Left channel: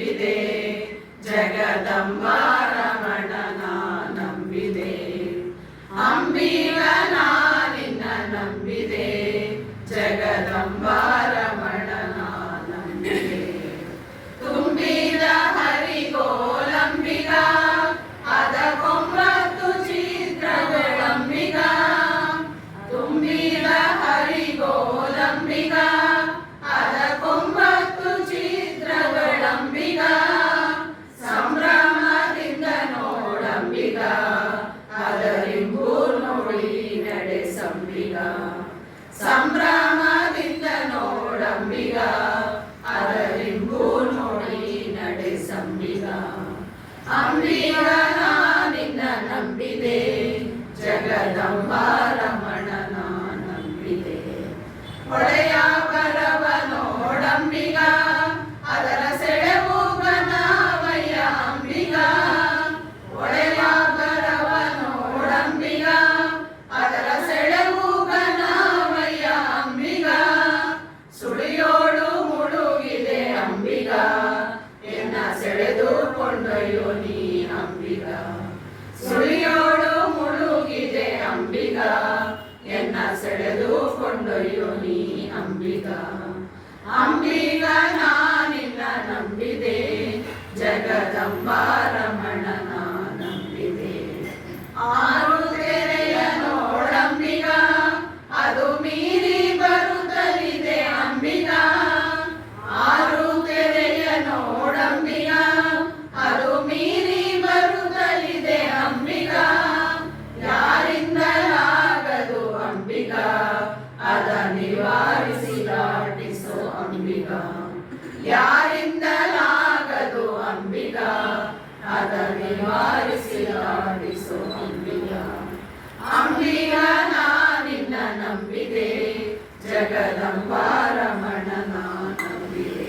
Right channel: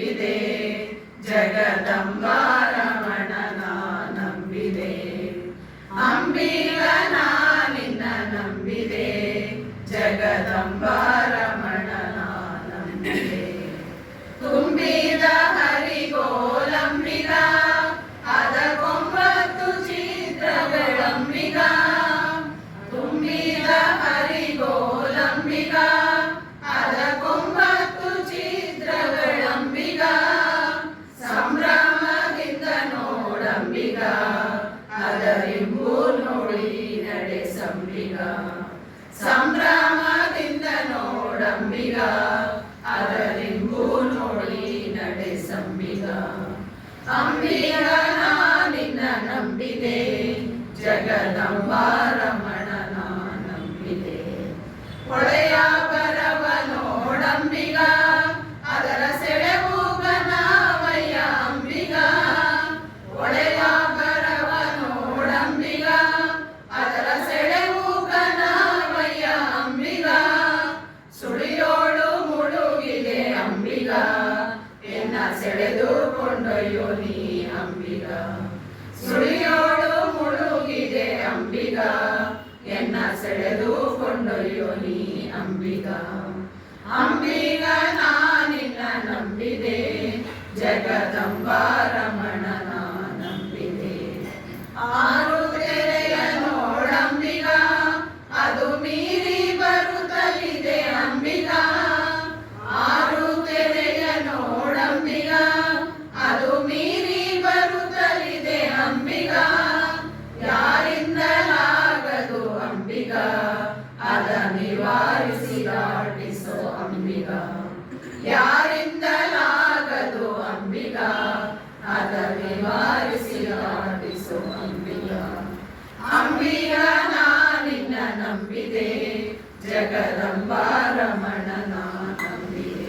ನಂಬಿದೆ ಜಗದಂಬ ರಮಣನ ನಂಬಿದೆ ಅಂಬಿಗನ ನಿನ್ನ ನಂಬಿದೆ ಜಗದಂಬ ರಮಣನ ನಂಬಿದೆ ತುಂಬಿದ ಹರಿಗೋಲಂಬಿಗ ಅದ ಕೊಂಬತ್ತು ಚಿತ್ರಗಳಂಬಿಗ ತುಂಬಿದ ಹರಿಗೋಲಂಬಿಗ ಅದ ಕೊಂಬತ್ತು ಚಿತ್ರಗಳಂಬಿಗ ಸಂಭ್ರಮದಿಂದ ನೋಡಂಬಿಗ ಅದರಿಂಬು ನೋಡಿ ನಡೆಸಂಬಿಗ ಸಂಭ್ರಮದಿಂದ ನೋಡಂಬಿಗ ಅದರಿಂಬು ನೋಡಿ ನಡೆಸಂಬಿಗ ಅಂಬಿಗನ ನಿನ್ನ ನಂಬಿದೆ ಜಗದಂಬ ರಮಣನ ನಂಬಿದೆ ಹೊಳೆಯ ಬರವ ನೋಡಂಬಿಗ ಅದರ ಸೆಳೆವು ಘನವಯ್ಯ ಅಂಬಿಗ ಹೊಳೆಯ ಬರವ ನೋಡಂಬಿಗ ಅದರ ಸೆಳೆವು ಘನವಯ್ಯ ಅಂಬಿಗ ಸುಳಿಯೋಳು ಮುಳುಗಿದೆ ಅಂಬಿಗ ಎನ್ನ ಸೆಳೆದು ಕೊಂಡೊಯ್ಯೋ ನೀ ಅಂಬಿಗ ಸುಳಿಯೋಳು ಮುಳುಗಿದೆ ಅಂಬಿಗ ಎನ್ನ ಸೆಳೆದು ಕೊಂಡೊಯ್ಯೋ ನೀ ಅಂಬಿಗ ಅಂಬಿಗ ನಿನ್ನ ನಂಬಿದೆ ಜಗದಂಬ ರಮಣನ ನಂಬಿದೆ ಆರು ತೆರೆಯ ನೋಡಂಬಿಗ ಅದು ಮೀರಿ ಬರುತ್ತಲಿದೆ ಅಂಬಿಗ ಆರು ತೆರೆಯ ನೋಡಂಬಿಗ ಅದು ಮೀರಿ ಬರುತ್ತಲಿದೆ ಅಂಬಿಗ ಯಾರಿಂದಲಾಗದು ಅಂಬಿಗ ಅದ ನಿವಾರಿಸಿ ದಾಟಿಸೋ ಅಂಬಿಗ ಯಾರಿಂದಲಾಗದು ಅಂಬಿಗ ಅದ ನಿವಾರಿಸಿ ದಾಟಿಸೋ ಅಂಬಿಗ ಅಂಬಿಗ ನಿನ್ನ ನಂಬಿದೆ ಜಗದಂಬ ರಮಣನ ನಂಬಿದೆ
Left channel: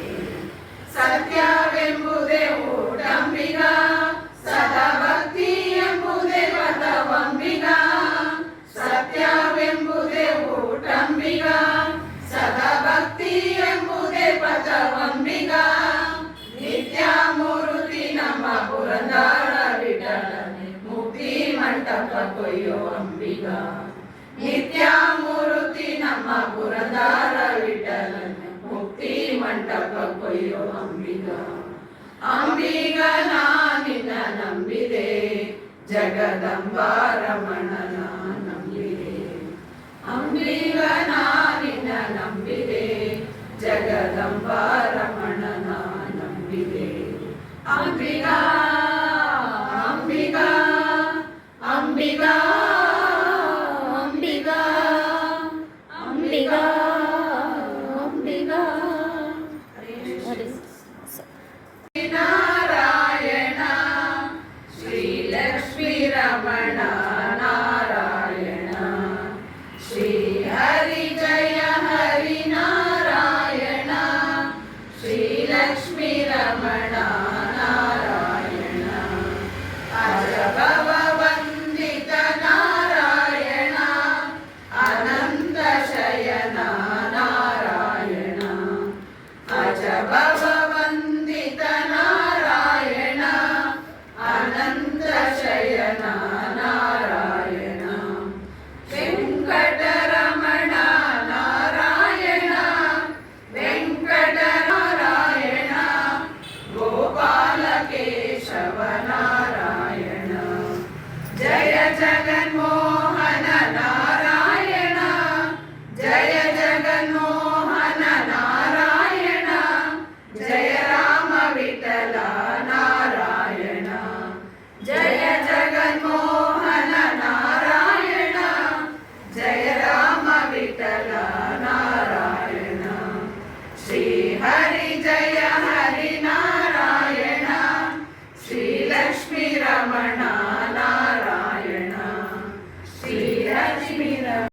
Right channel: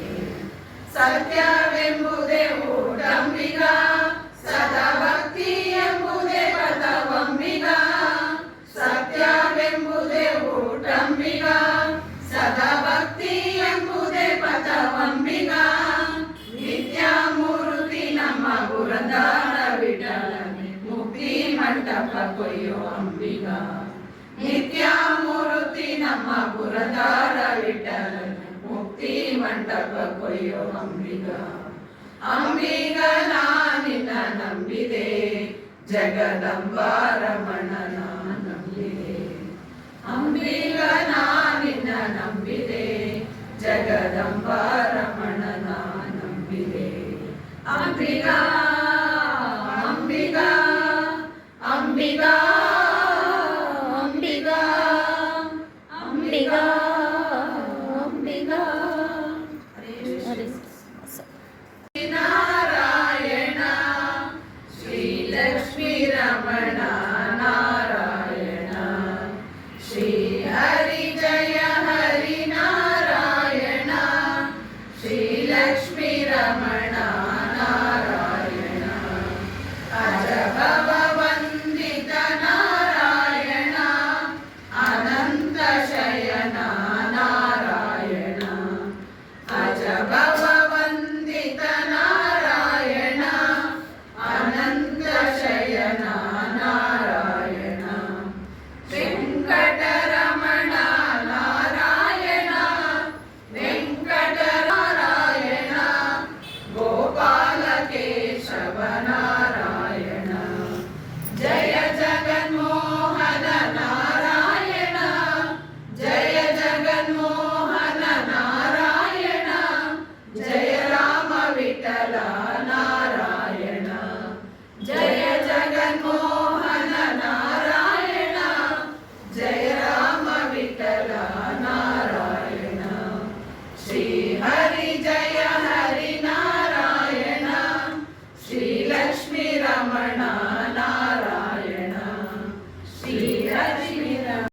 ಸತ್ಯವೆಂಬುದೇ ಊಟಂಬಿಗ ಸದಾ ಭಕ್ತಿ ಎಂಬುದೇ ಪದವಂಬಿಗ ಸತ್ಯವೆಂಬುದೇ ಊಟಂಬಿಗ ಸದಾ ಭಕ್ತಿ ಎಂಬುದೇ ಪದವಂಬಿಗ ನಿತ್ಯ ಮೂರ್ತಿ ನಮ್ಮ ಪುರಂದರ ವಿಠಲನೆ ಮುಕ್ತಿ ಮಂಟಪ ಕೊಯ್ಯೋ ಅಂಬಿಗ ನಿತ್ಯ ಮೂರ್ತಿ ನಮ್ಮ ಪುರಂದರ ವಿಠಲನೆ ಮುಕ್ತಿ ಮಂಟಪ ಕೊಯ್ಯೋ ಅಂಬಿಗ ಅಂಬಿಗ ನಿನ್ನ ನಂಬಿದೆ ಜಗದಂಬ ರಮಣನ ನಂಬಿದೆ ಅಂಬಿಗ ನಿನ್ನ ನಂಬಿದೆ ಜಗದಂಬ ರಮಣನ ನಂಬಿದೆ ಅಂಬಿಗ ಅಂಬಿಗ ಅಂಬಿಗ ಅಂಬಿಗ ಅಂಬಿಗ ಅಂಬಿಗ ಹರೇ ನಾರಾಯಣ ಶ್ರೀ ಲಕ್ಷ್ಮೀ ರಮಣ ನಾರಾಯಣ ಶ್ರೀ ಹರಿ ಜಯ ಹರಿ ನಾರಾಯಣ ಶ್ರೀ ಲಕ್ಷ್ಮೀ ರಮಣ ನಾರಾಯಣ ಅಜಭವ ವಂದಿತ ನಾರಾಯಣ ಅನಂತ ಶಯನ ನಾರಾಯಣ ಅಜಭವ ನಾರಾಯಣ ಅನಂತ ಶಯನ ನಾರಾಯಣ ವೆಂಕಟರಮಣ ನಾರಾಯಣ ವೆಂಕಟನಾರಾಯಣ ಗೋಪಾಲ ಕೇಶವ ನಾರಾಯಣ ಜಯ ಜಗನ್ಮೋಹನ ನಾರಾಯಣ ಜಯ ಜಗನ್ಮೋಹನ ನಾರಾಯಣ ಜಯ ರಾಮ ವಿಠಲ ನಾರಾಯಣ ಜಯ ಜಗನ್ಮೋಹನ ನಾರಾಯಣ ಜಯ ರಾಮ ವಿಠಲ ನಾರಾಯಣ ಶ್ರೀ ಹರಿ ಜಯ ಹರಿ ನಾರಾಯಣ ಶ್ರೀ ಲಕ್ಷ್ಮೀ ರಮಣ